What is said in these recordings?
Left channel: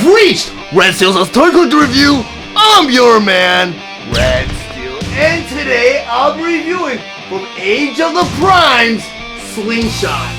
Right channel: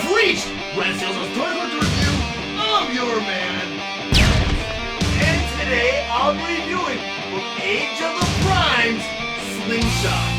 have reached Red Steele's toy collector review. I'm your man, Red Steele, and today I'll be reviewing from Age of the Primes Slingshot.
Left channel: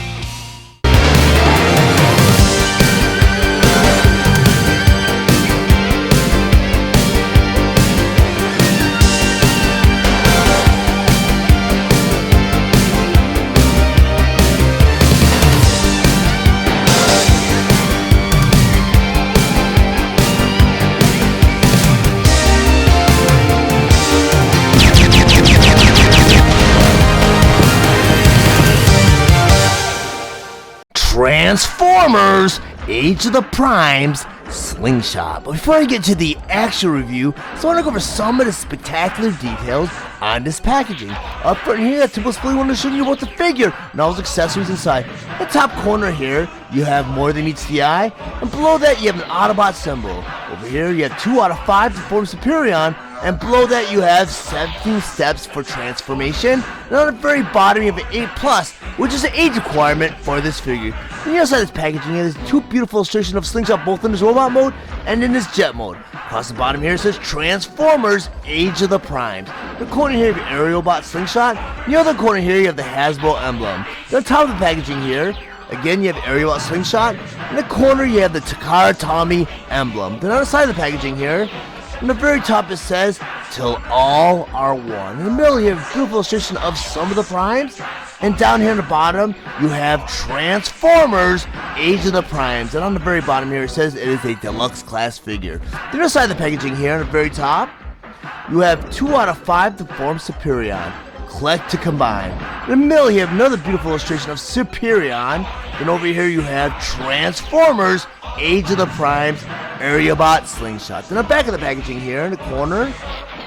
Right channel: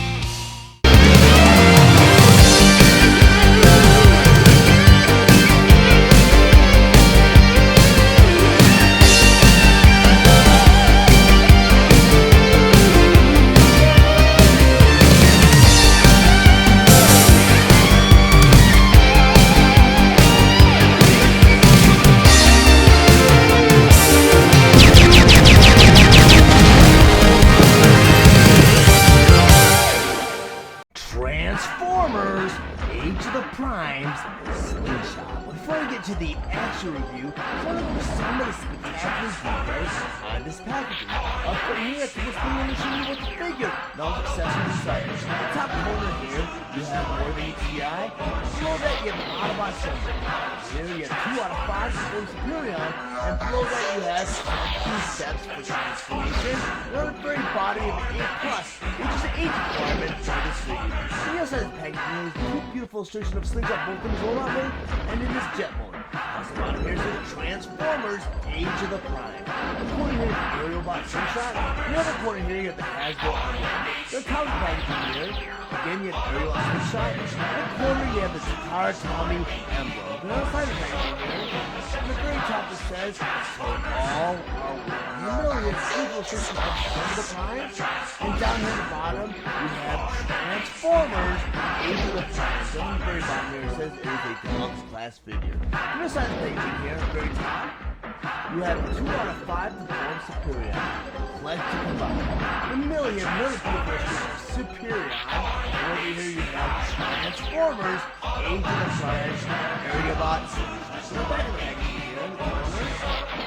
Transformers Age of the Primes Slingshot. But before I get to the actual review, I want to go over some of the spectacular details on this packaging. Up front here, I typically want to show you about the figure and all its accessories inside. In the top corner here, you have more than meets the eye, and below that you have an Autobot symbol. Over here, you have 2 out of 5 to form Superion, and below that you have 17 steps for transformation. And on the very bottom you have an 8+, which is an age requirement for this figure. And outside this packaging here, there's 2 beautiful illustrations of Slingshot, both in his robot mode and in his jet mode. Across the bottom here it says Transformers Age of the Primes. In the corner here you have Aerialbot Slingshot. In the other corner here you have the Hasbro emblem. And on top of the packaging here, again, you have Aerialbot Slingshot. In the corner, you have the Takara Tommy emblem. Then on the side of the packaging here, on the very top it says, "Till all are one." In the middle, you have a beautiful illustration of some of the primes. And down here on the bottom, you have Transformers Age of the Primes. And on the very bottom here, it says it is a deluxe class figure. Then on the side of the packaging here, on the very top, you have 2 out of 5 to form Superion. Collect to combine. In the middle, you have another beautiful illustration of Superion. And over here, you have Transformers Age of the Primes Aerialbot Slingshot. Then on the back of the packaging here in the corner,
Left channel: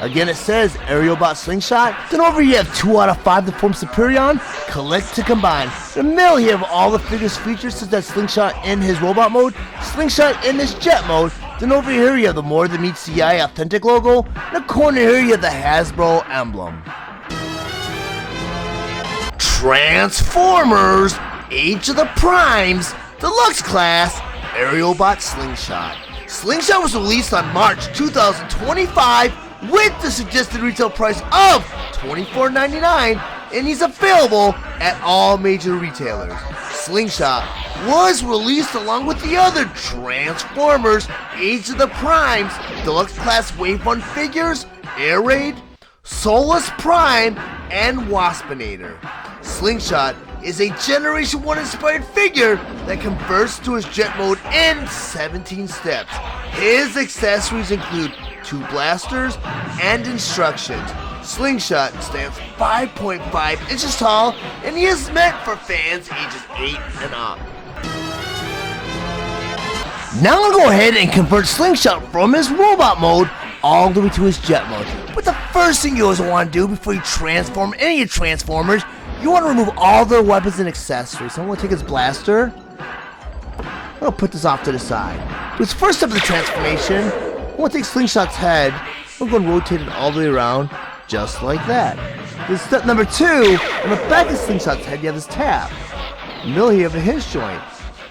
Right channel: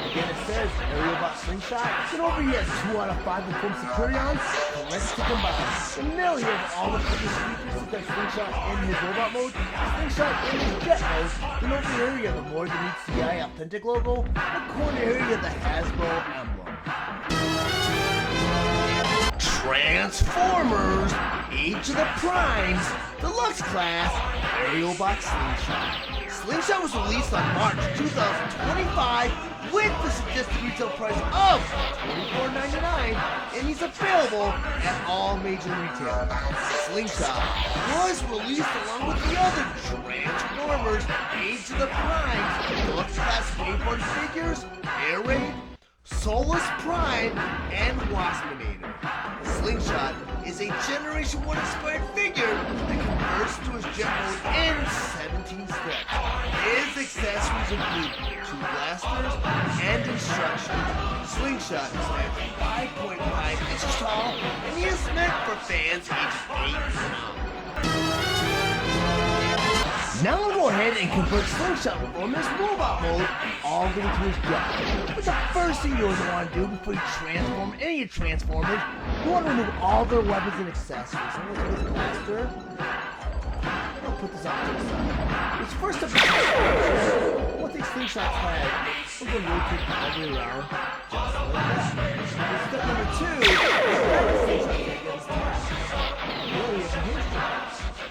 again it says Aerialbot Slingshot. Then over here, you have 2 out of 5 to form Superion. Collect to combine. In the middle, you have all the figures features, such as Slingshot in his robot mode, Slingshot in his jet mode. Then over here, you have the More Than Meets the Eye authentic logo. In the corner here, you have the Hasbro emblem. Transformers Age of the Primes Deluxe Class Aerialbot Slingshot. Slingshot was released on March 2025 with the suggested retail price of $24.99, and he's available at all major retailers. Slingshot was released along with the other Transformers Age of the Primes Deluxe Class Wave 1 figures, Air Raid, Solus Prime, and Waspinator. Slingshot is a Generation 1 inspired figure that converts to his jet mode in 17 steps. His accessories include 2 blasters and instructions. Slingshot stands 5.5 inches tall, and he is meant for fans ages 8 and up. Now I'm going to go ahead and convert Slingshot from his robot mode all the way to his jet mode. But the first thing you always want to do before you transform any of your Transformers, you want to remove all their weapons and accessories. So I'm going to take his blaster. I'm going to put this off to the side. This first step of the transformation, I'm going to take Slingshot's head. I'm going to rotate it all the way around, just like that. This is step number 2. On the back of Slingshot's head, you have this tab. In the middle, you have the hinge joint.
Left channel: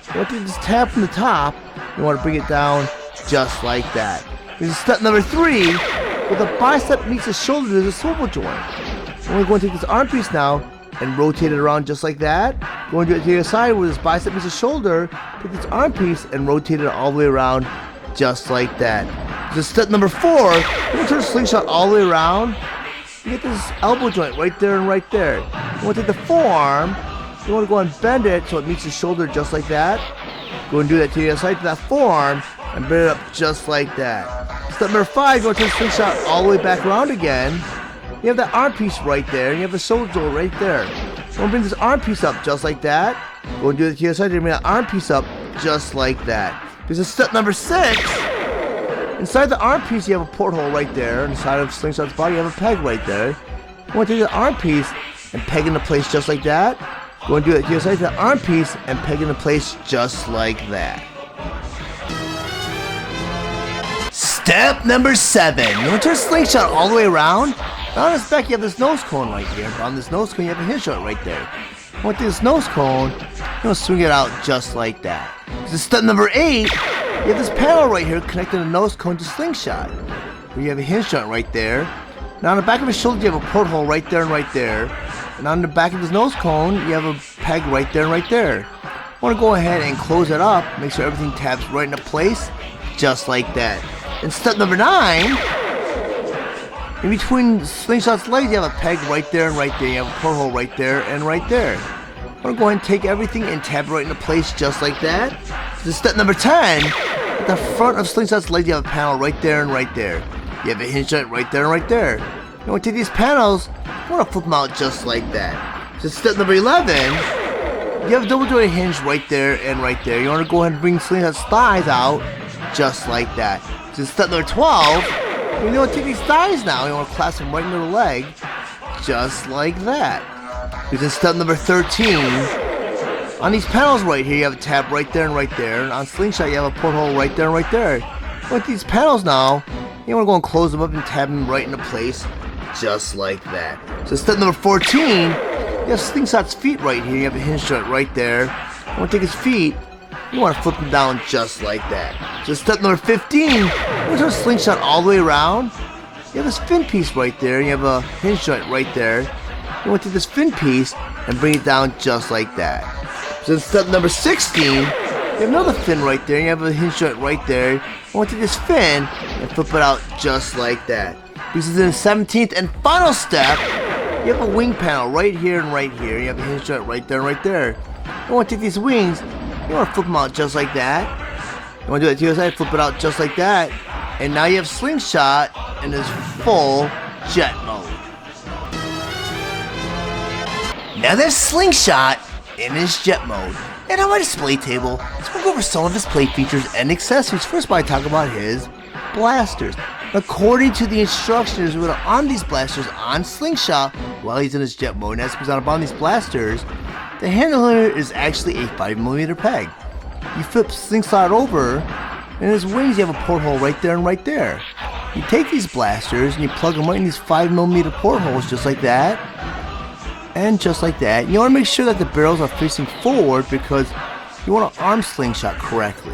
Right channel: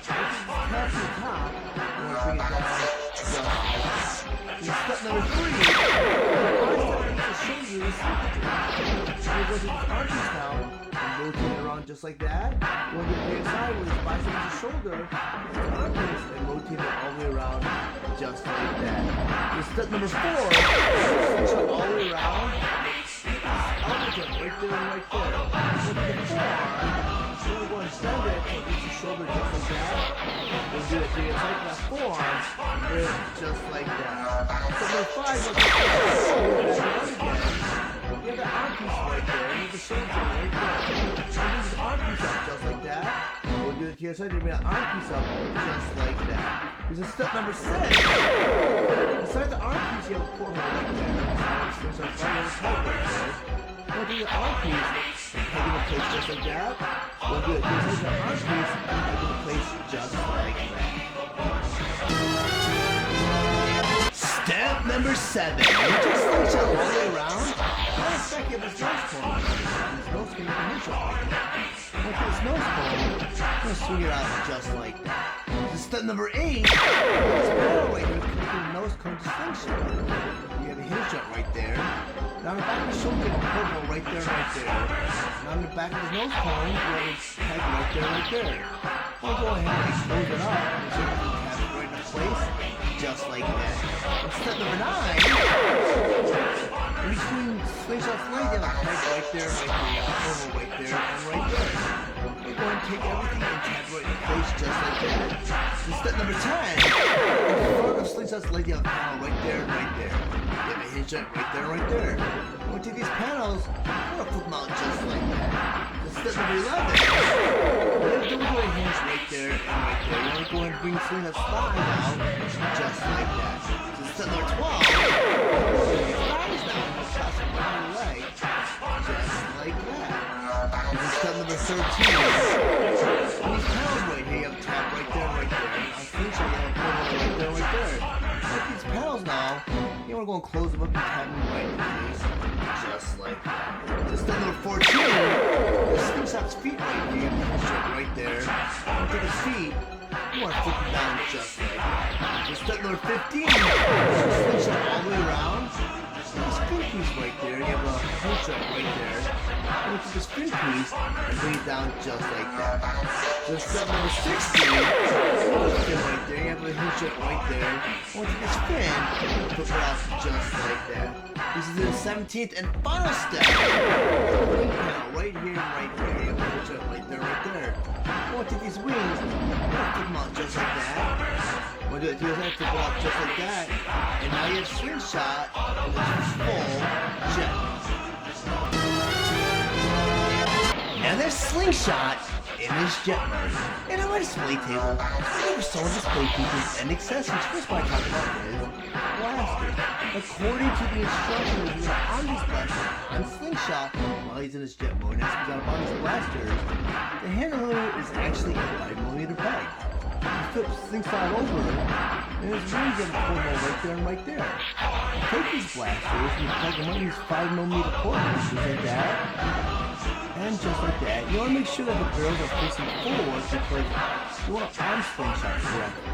You want to take this tab from the top. You want to bring it down just like that. This is step number 3. With the bicep meets the shoulder, there's a swivel joint. And we're going to take this arm piece now and rotate it around just like that. We're going to do it to the other side where this bicep meets the shoulder. Take this arm piece and rotate it all the way around just like that. This is step number 4. You turn the Slingshot all the way around. You get this elbow joint right there and right there. You want to take the forearm. You want to go and bend it so it meets the shoulder just like that. Go and do that to the other side to that forearm and bring it up just like that. Step number 5, you want to take the Slingshot all the way back around again. You have that arm piece right there, and you have the shoulder joint right there. You want to bring this arm piece up just like that. Go and do it to the other side, and bring that arm piece up just like that. This is step number 6. Inside the arm piece, you have a porthole right there. Inside of Slingshot's body, you have a peg right there. You want to take the arm piece and peg into place just like that. Go and do it to the other side, the arm piece, and peg into place just like that. Step number 7. You want to turn Slingshot all the way around. On this back, you have this nose cone right here. On this nose cone, you have a hinge joint right there. With this nose cone, I'm going to swing it out just like that. This is step number 8. You have this panel right here connecting the nose cone to Slingshot. You have a hinge joint right there. Now on the back of his shoulder, you have a porthole right there and right there. And on the back of his nose cone, you have a peg right there and right there. I want to go ahead and close it up, make sure everything taps right into place, just like that. And step number 9, in between Slingshot's legs, you have a peg right there and right there. You have a porthole right there and right there. I'm going to go ahead and take everything and tap it right into place, just like that. So step number 10, at the front of Slingshot's legs, you have a panel right there and right there. You have a hinge joint right there and right there. I'm going to take these panels, I'm going to flip them out just like that. So step number 11, you have a double jointed hinge right there and right there. You want to go ahead and bring Slingshot's thighs out just like that. So step number 12, you want to take these thighs now. You want to clasp them right into the leg just like that. This is step number 13. On these panels right here, you have a tab right there and right there. And on Slingshot, you have a porthole right there and right there. With these panels now, you want to go and close them up and tab them right into place just like that. So step number 14, you have Slingshot's feet right here. You have a hinge joint right there. You want to take his feet, you want to flip them down just like that. So step number 15, you turn Slingshot all the way around. You have this fin piece right there. You have a hinge joint right there. You want to take this fin piece and bring it down just like that. So step number 16, you have another fin right there. You have a hinge joint right there. You want to take this fin and flip it out just like that. This is in the 17th and final step. You have a wing panel right here and right here. You have a hinge joint right there and right there. You want to take these wings, you want to flip them out just like that. You want to do it to the other side, flip it out just like that. And now you have Slingshot in his full jet mode. Now there's Slingshot in his jet mode. And on my display table, let's go over some of his play features and accessories. First, I talk about his blasters. According to the instructions, we're going to arm these blasters on Slingshot while he's in his jet mode. And as he's on these blasters, the handle here is actually a 5mm peg. You flip Slingshot over, and his wings, you have a porthole right there and right there. You take these blasters and you plug them right in these 5mm portholes just like that. And just like that. You want to make sure that the barrels are facing forward because you want to arm Slingshot correctly.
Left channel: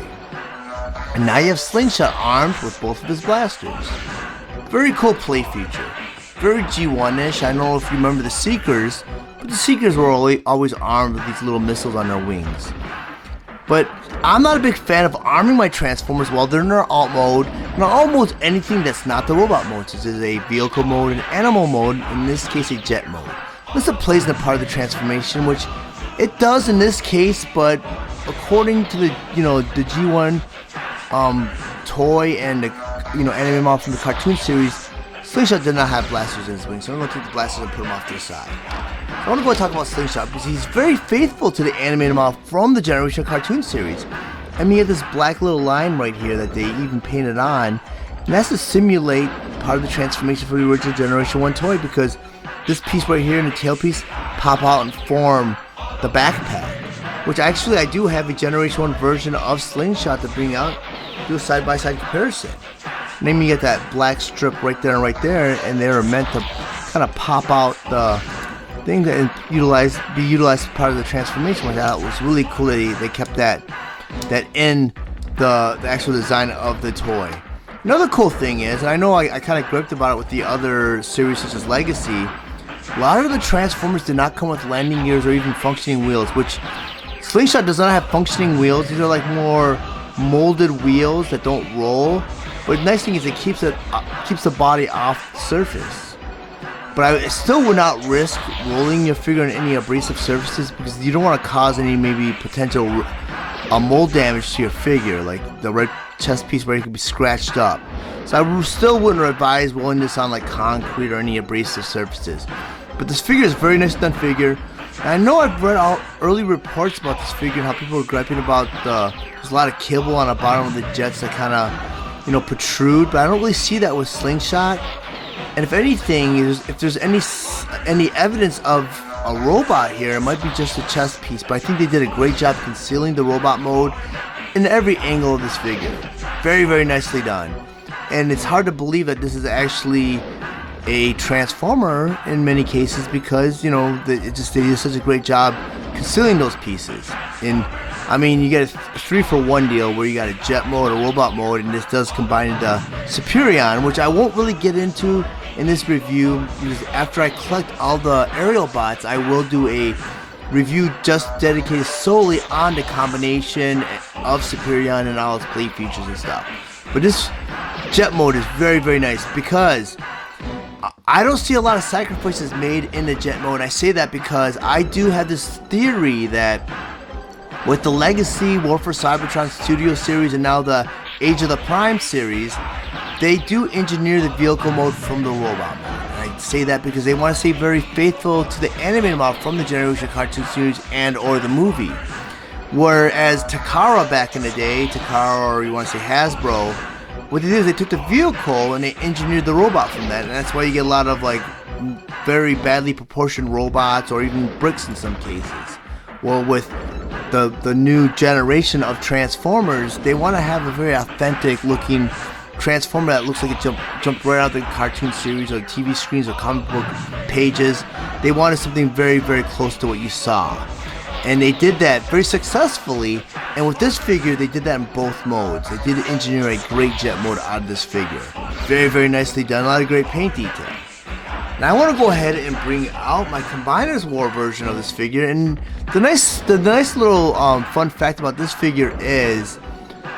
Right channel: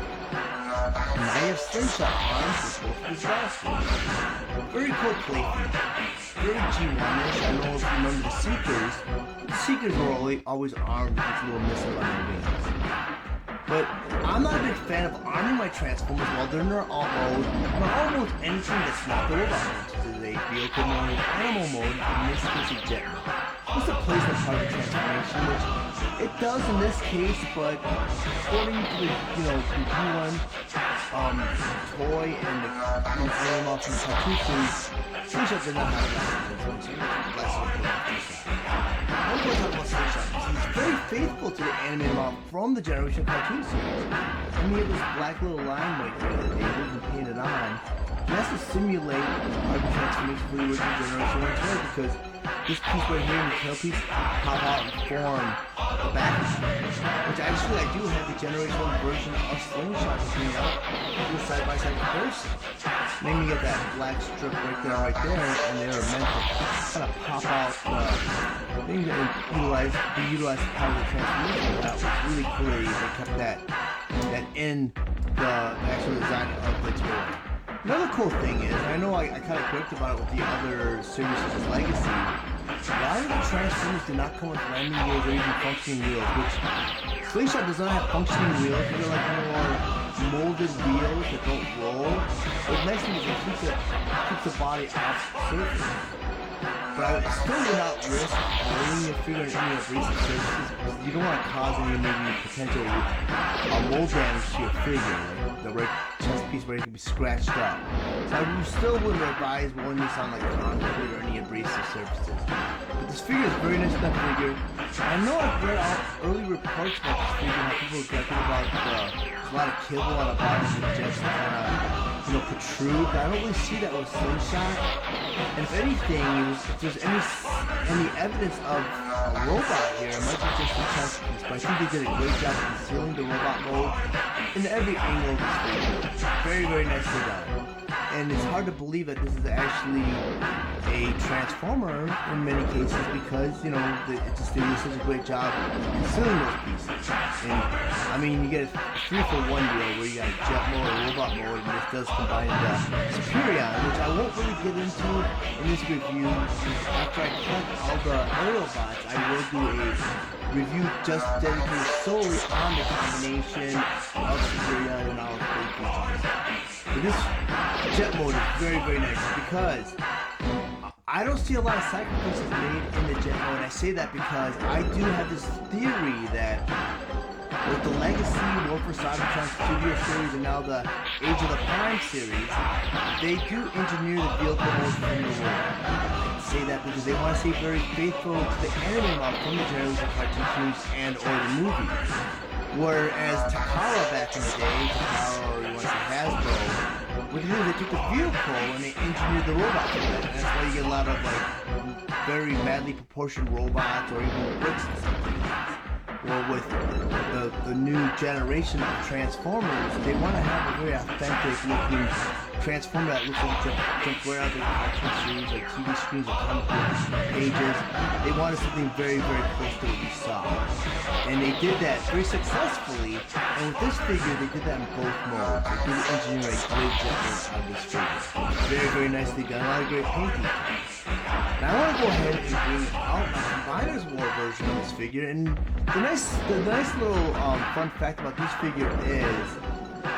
And now you have Slingshot armed with both of his blasters. Very cool play feature. Very G1-ish. I don't know if you remember the Seekers, but the Seekers were always armed with these little missiles on their wings. But I'm not a big fan of arming my Transformers while they're in their alt mode. And alt mode is anything that's not the robot mode, such as a vehicle mode, an animal mode, in this case a jet mode. This plays in a part of the transformation, which it does in this case, but according to the the G1 toy and the anime model from the cartoon series, Slingshot did not have blasters in his wings, so I'm going to take the blasters and put them off to the side. I want to go and talk about Slingshot because he's very faithful to the animated model from the Generation cartoon series. I mean, you have this black little line right here that they even painted on, and that's to simulate part of the transformation for the original Generation 1 toy, because this piece right here and the tail piece pop out and form the backpack, which actually I do have a Generation 1 version of Slingshot to bring out, do a side-by-side comparison. And then you get that black strip right there, and they're meant to kind of pop out the thing that be utilized as part of the transformation. That was really cool that they kept that in the actual design of the toy. Another cool thing is, and I know I kind of gripped about it with the other series such as Legacy, a lot of the Transformers did not come with landing gears or even functioning wheels, which Slingshot does not have functioning wheels. These are like more molded wheels that don't roll. But the nice thing is it keeps the body off the surface. But I still would not risk rolling your figure on any abrasive surfaces because you don't want to cause any maybe potential mold damage to your figure, like the red chest piece where it could be scratched up. So I still wouldn't advise rolling this on like concrete or any abrasive surfaces. But this figure is a very nice done figure. And I know I've read all early reports about this figure, how people were griping about there's a lot of kibble on the bottom of the jets that kind of protrude, but I don't really see that with Slingshot. And if anything, if there's any evidence of a robot here, it might be just a chest piece, but I think they did a great job concealing the robot mode in every angle of this figure. Very, very nicely done. And it's hard to believe that this is actually a transformer in many cases because, you know, they do such a great job concealing those pieces. And I mean, you get a 3-for-1 deal where you got a jet mode, a robot mode, and this does combine the Superion, which I won't really get into in this review. After I collect all the Aerialbots, I will do a review just dedicated solely on the combination of Superion and all its blade features and stuff. But this jet mode is very, very nice because I don't see a lot of sacrifices made in the jet mode. I say that because I do have this theory that with the Legacy War for Cybertron Studio series and now the Age of the Prime series, they do engineer the vehicle mode from the robot. I say that because they want to stay very faithful to the animated model from the Generation cartoon series and or the movie. Whereas Takara back in the day, Takara, or you want to say Hasbro, what they did is they took the vehicle and they engineered the robot from that, and that's why you get a lot of like very badly proportioned robots or even bricks in some cases. Well, with the new generation of Transformers, they want to have a very authentic looking Transformer that looks like it jumped right out of the cartoon series or TV screens or comic book pages. They wanted something very, very close to what you saw. And they did that very successfully, and with this figure, they did that in both modes. They did engineer a great jet mode out of this figure. Very, very nicely done. A lot of great paint detail. Now I want to go ahead and bring out my Combiners War version of this figure, and the nice little fun fact about this figure is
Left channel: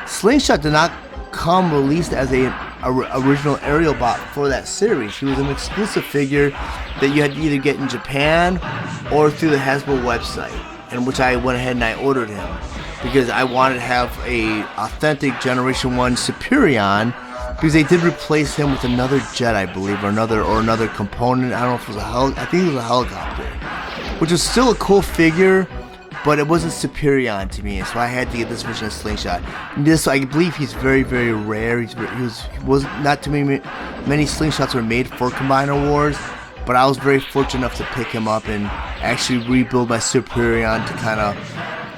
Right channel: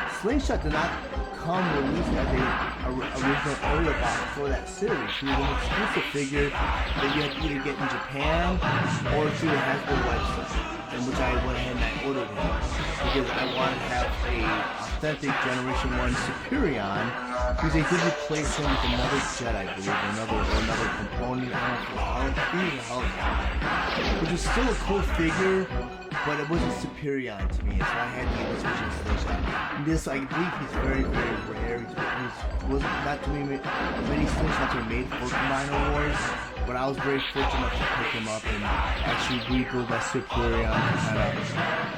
Slingshot did not come released as a original Aerialbot for that series. He was an exclusive figure that you had to either get in Japan or through the Hasbro website, in which I went ahead and I ordered him because I wanted to have a authentic Generation 1 Superion, because they did replace him with another jet, I believe, or another component. I don't know if it was I think it was a helicopter, which was still a cool figure, but it wasn't Superion to me, so I had to get this version of Slingshot. And this, I believe, he's very, very rare. Was not too many Slingshots were made for Combiner Wars, but I was very fortunate enough to pick him up and actually rebuild my Superion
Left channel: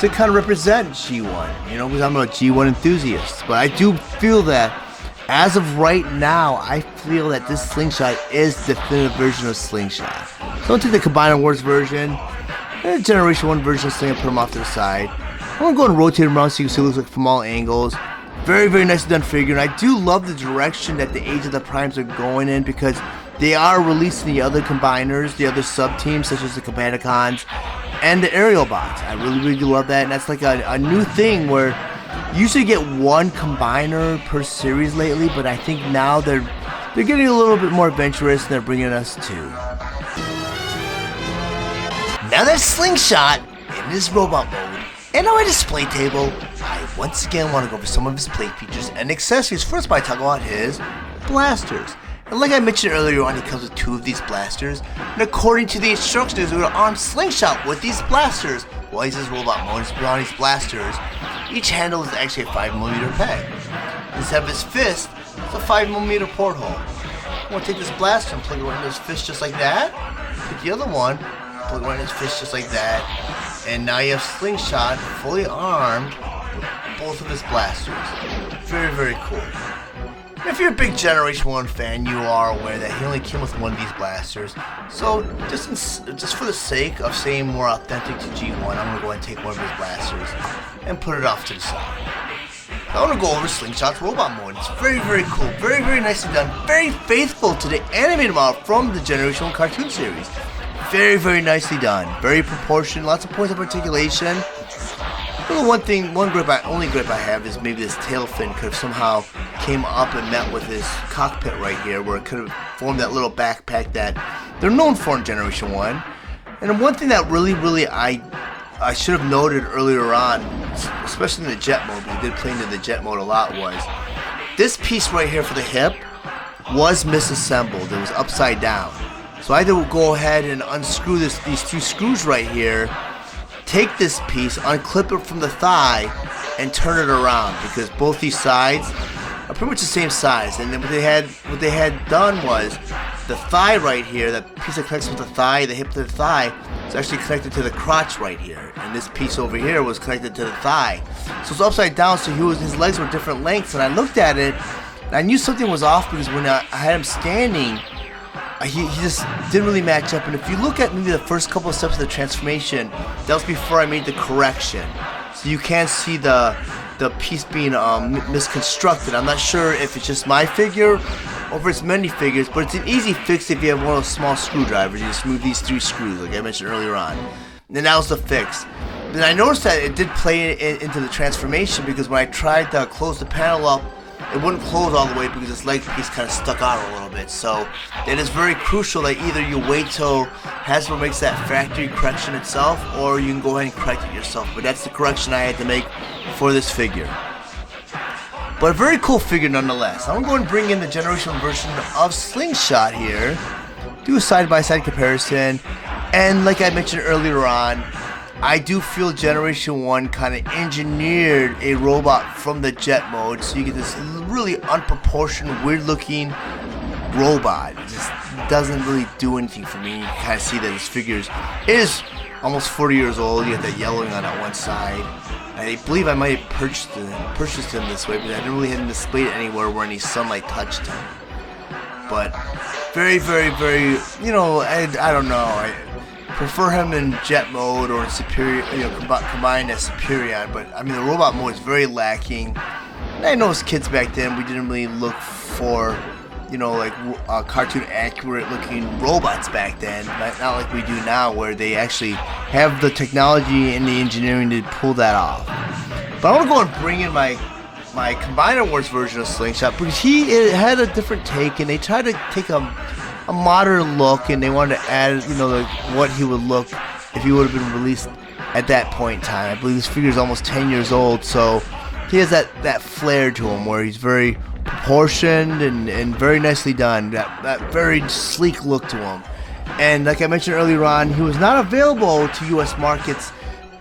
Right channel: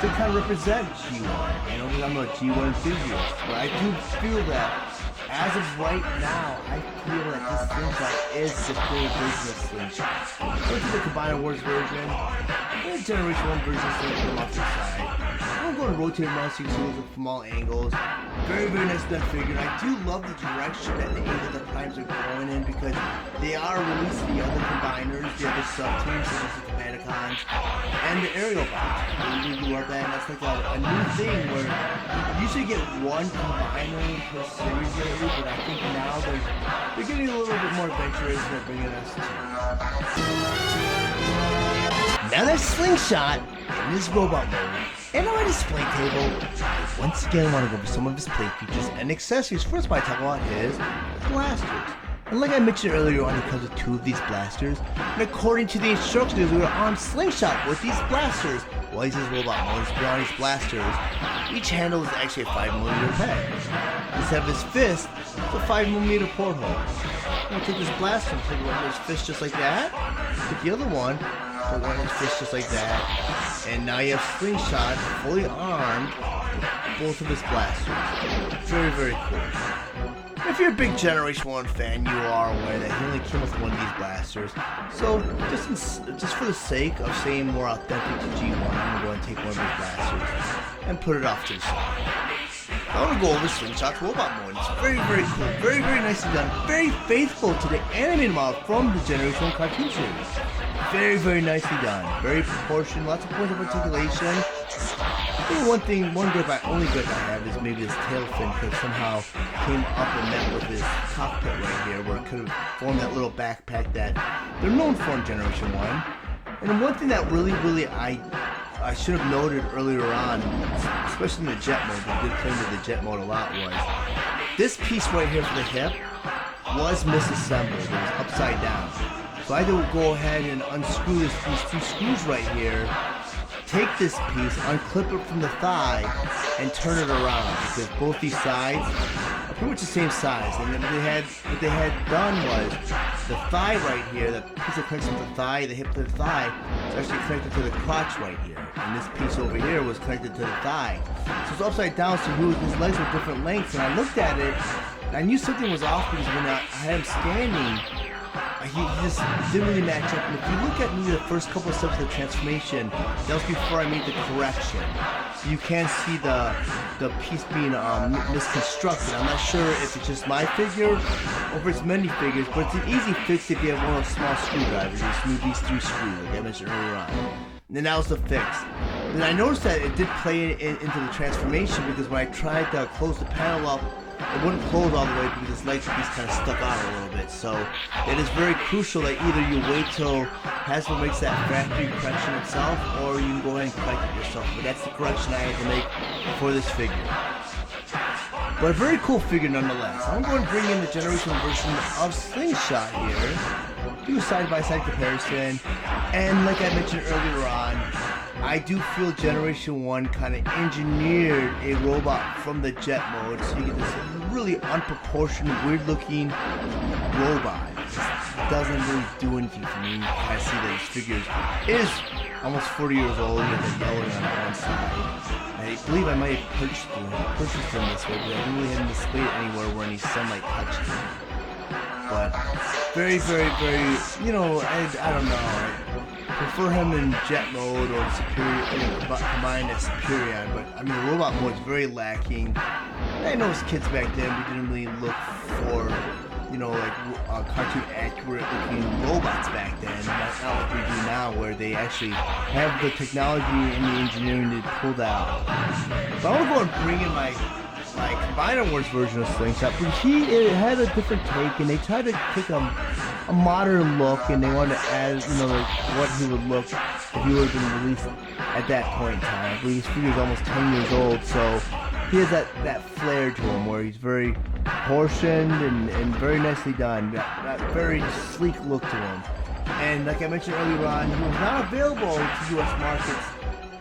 to kind of represent G1, you know, because I'm a G1 enthusiast. But I do feel that as of right now, I feel that this Slingshot is the definitive version of Slingshot. Don't take the Combiner Wars version. And the Generation 1 version of Slingshot, put them off to the side. I'm going to go and rotate them around so you can see what it looks like from all angles. Very, very nicely done figure, and I do love the direction that the Age of the Primes are going in, because they are releasing the other combiners, the other sub-teams, such as the Combaticons and the Aerialbots. I really, really love that, and that's like a new thing where you usually get one combiner per series lately, but I think now they're getting a little bit more adventurous, and they're bringing us two. Now that Slingshot in this robot mode and on my display table, I once again want to go over some of his plate features and accessories. First, I talk about his blasters. And like I mentioned earlier on, he comes with two of these blasters. And according to the instructions, we're going to arm Slingshot with these blasters. While he's his robot mode, he's on these blasters. Each handle is actually a 5mm peg. Instead of his fist, it's a 5mm porthole. I'm going to take this blaster and plug it right in his fist just like that. Take the other one, plug it right in his fist just like that. And now you have Slingshot fully armed with both of his blasters. Very, very cool. If you're a big Generation 1 fan, you are aware that he only came with one of these blasters. So, just for the sake of saying more authentic to G1, I'm going to go ahead and take one of his blasters and put it off to the side. I want to go over Slingshot's robot mode. It's very, very cool. Very, very nicely done. Very faithful to the animated model from the Generation 1 cartoon series. Very, very nicely done. Very proportioned. Lots of points of articulation. One gripe I have is maybe this tail fin could have somehow came up and met with this cockpit right here, where it could have formed that little backpack that they're known for in Generation 1. And one thing that really I should have noted earlier on, especially in the jet mode, we did play into the jet mode a lot, was this piece right here for the hip was misassembled. It was upside down. So I had to go ahead and unscrew these two screws right here, take this piece, unclip it from the thigh, and turn it around, because both these sides are pretty much the same size. And then what they had done was the thigh right here, that piece that connects with the thigh, the hip to the thigh, is actually connected to the crotch right here. And this piece over here was connected to the thigh. So it's upside down, so his legs were different lengths. And I looked at it, and I knew something was off, because when I had him standing, he just didn't really match up. And if you look at maybe the first couple of steps of the transformation, that was before I made the correction. So you can see the piece being misconstructed. I'm not sure if it's just my figure or if it's many figures, but it's an easy fix if you have one of those small screwdrivers. You just move these 3 screws, like I mentioned earlier on. And then that was the fix. Then I noticed that it did play into the transformation, because when I tried to close the panel up, it wouldn't close all the way because its leg piece kind of stuck out a little bit. So it is very crucial that either you wait till Hasbro makes that factory correction itself, or you can go ahead and correct it yourself. But that's the correction I had to make for this figure. But a very cool figure nonetheless. I'm going to bring in the generational version of Slingshot here, do a side-by-side comparison, and like I mentioned earlier on, I do feel Generation 1 kind of engineered a robot from the jet mode, so you get this really unproportioned, weird-looking robot. It just doesn't really do anything for me. You kind of see that this figure is almost 40 years old. You get that yellowing on one side. I believe I might have purchased him this way, but I didn't really have him displayed anywhere where any sunlight touched him. But very, very, very, you know, I don't know. I prefer him in jet mode or superior, you know, combined as Superion. But I mean, the robot mode is very lacking. And I know as kids back then, we didn't really look for, you know, like cartoon accurate looking robots back then. Not like we do now, where they actually have the technology and the engineering to pull that off. But I want to go and bring in my Combiner Wars version of Slingshot, but it had a different take, and they tried to take a modern look, and they wanted to add, you know, what he would look if he would have been released at that point in time. I believe this figure is almost 10 years old, so he has that flair to him where he's very proportioned and very nicely done, that very sleek look to him. And like I mentioned earlier on, he was not available to US markets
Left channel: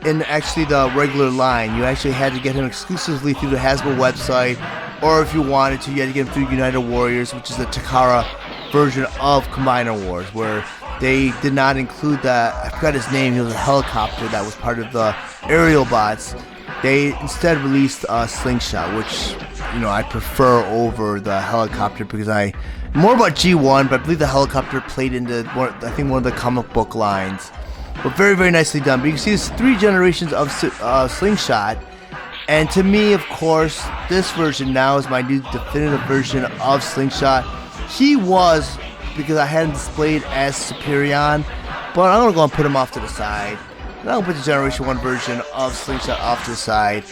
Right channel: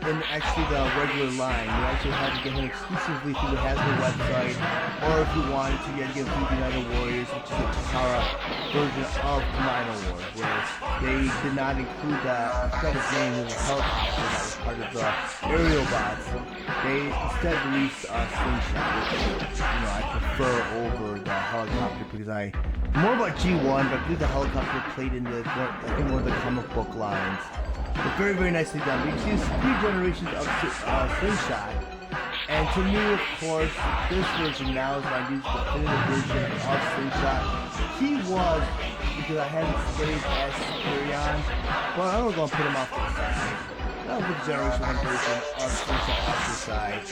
in actually the regular line. You actually had to get him exclusively through the Hasbro website, or if you wanted to, you had to get him through United Warriors, which is the Takara version of Combiner Wars, where they did not include I forgot his name, he was a helicopter that was part of the Aerialbots. They instead released Slingshot, which, you know, I prefer over the helicopter, because I'm more about G1, but I believe the helicopter played into, I think, one of the comic book lines. But very, very nicely done. But you can see there's 3 generations of Slingshot. And to me, of course, this version now is my new definitive version of Slingshot. He was, because I hadn't displayed as Superion, but I'm going to go and put him off to the side. And I'll put the Generation 1 version of Slingshot off to the side.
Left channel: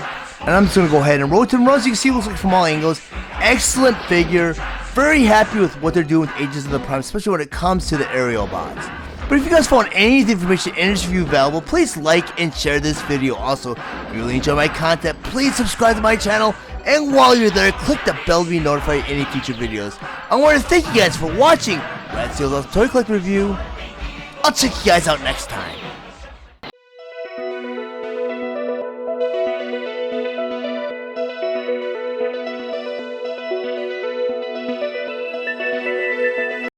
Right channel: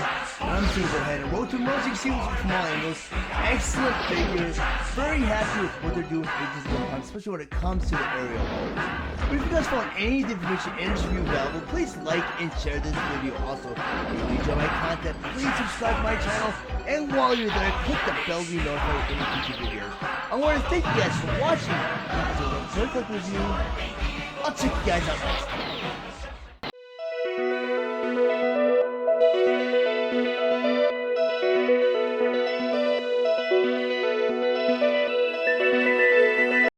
And I'm just going to go ahead and rotate him around so you can see it looks like from all angles. Excellent figure. Very happy with what they're doing with Ages of the Prime, especially when it comes to the Aerialbots. But if you guys found any of the information in this review valuable, please like and share this video. Also, if you really enjoy my content, please subscribe to my channel. And while you're there, click the bell to be notified of any future videos. I want to thank you guys for watching. That's Steele's Toy Collector Review. I'll check you guys out next time.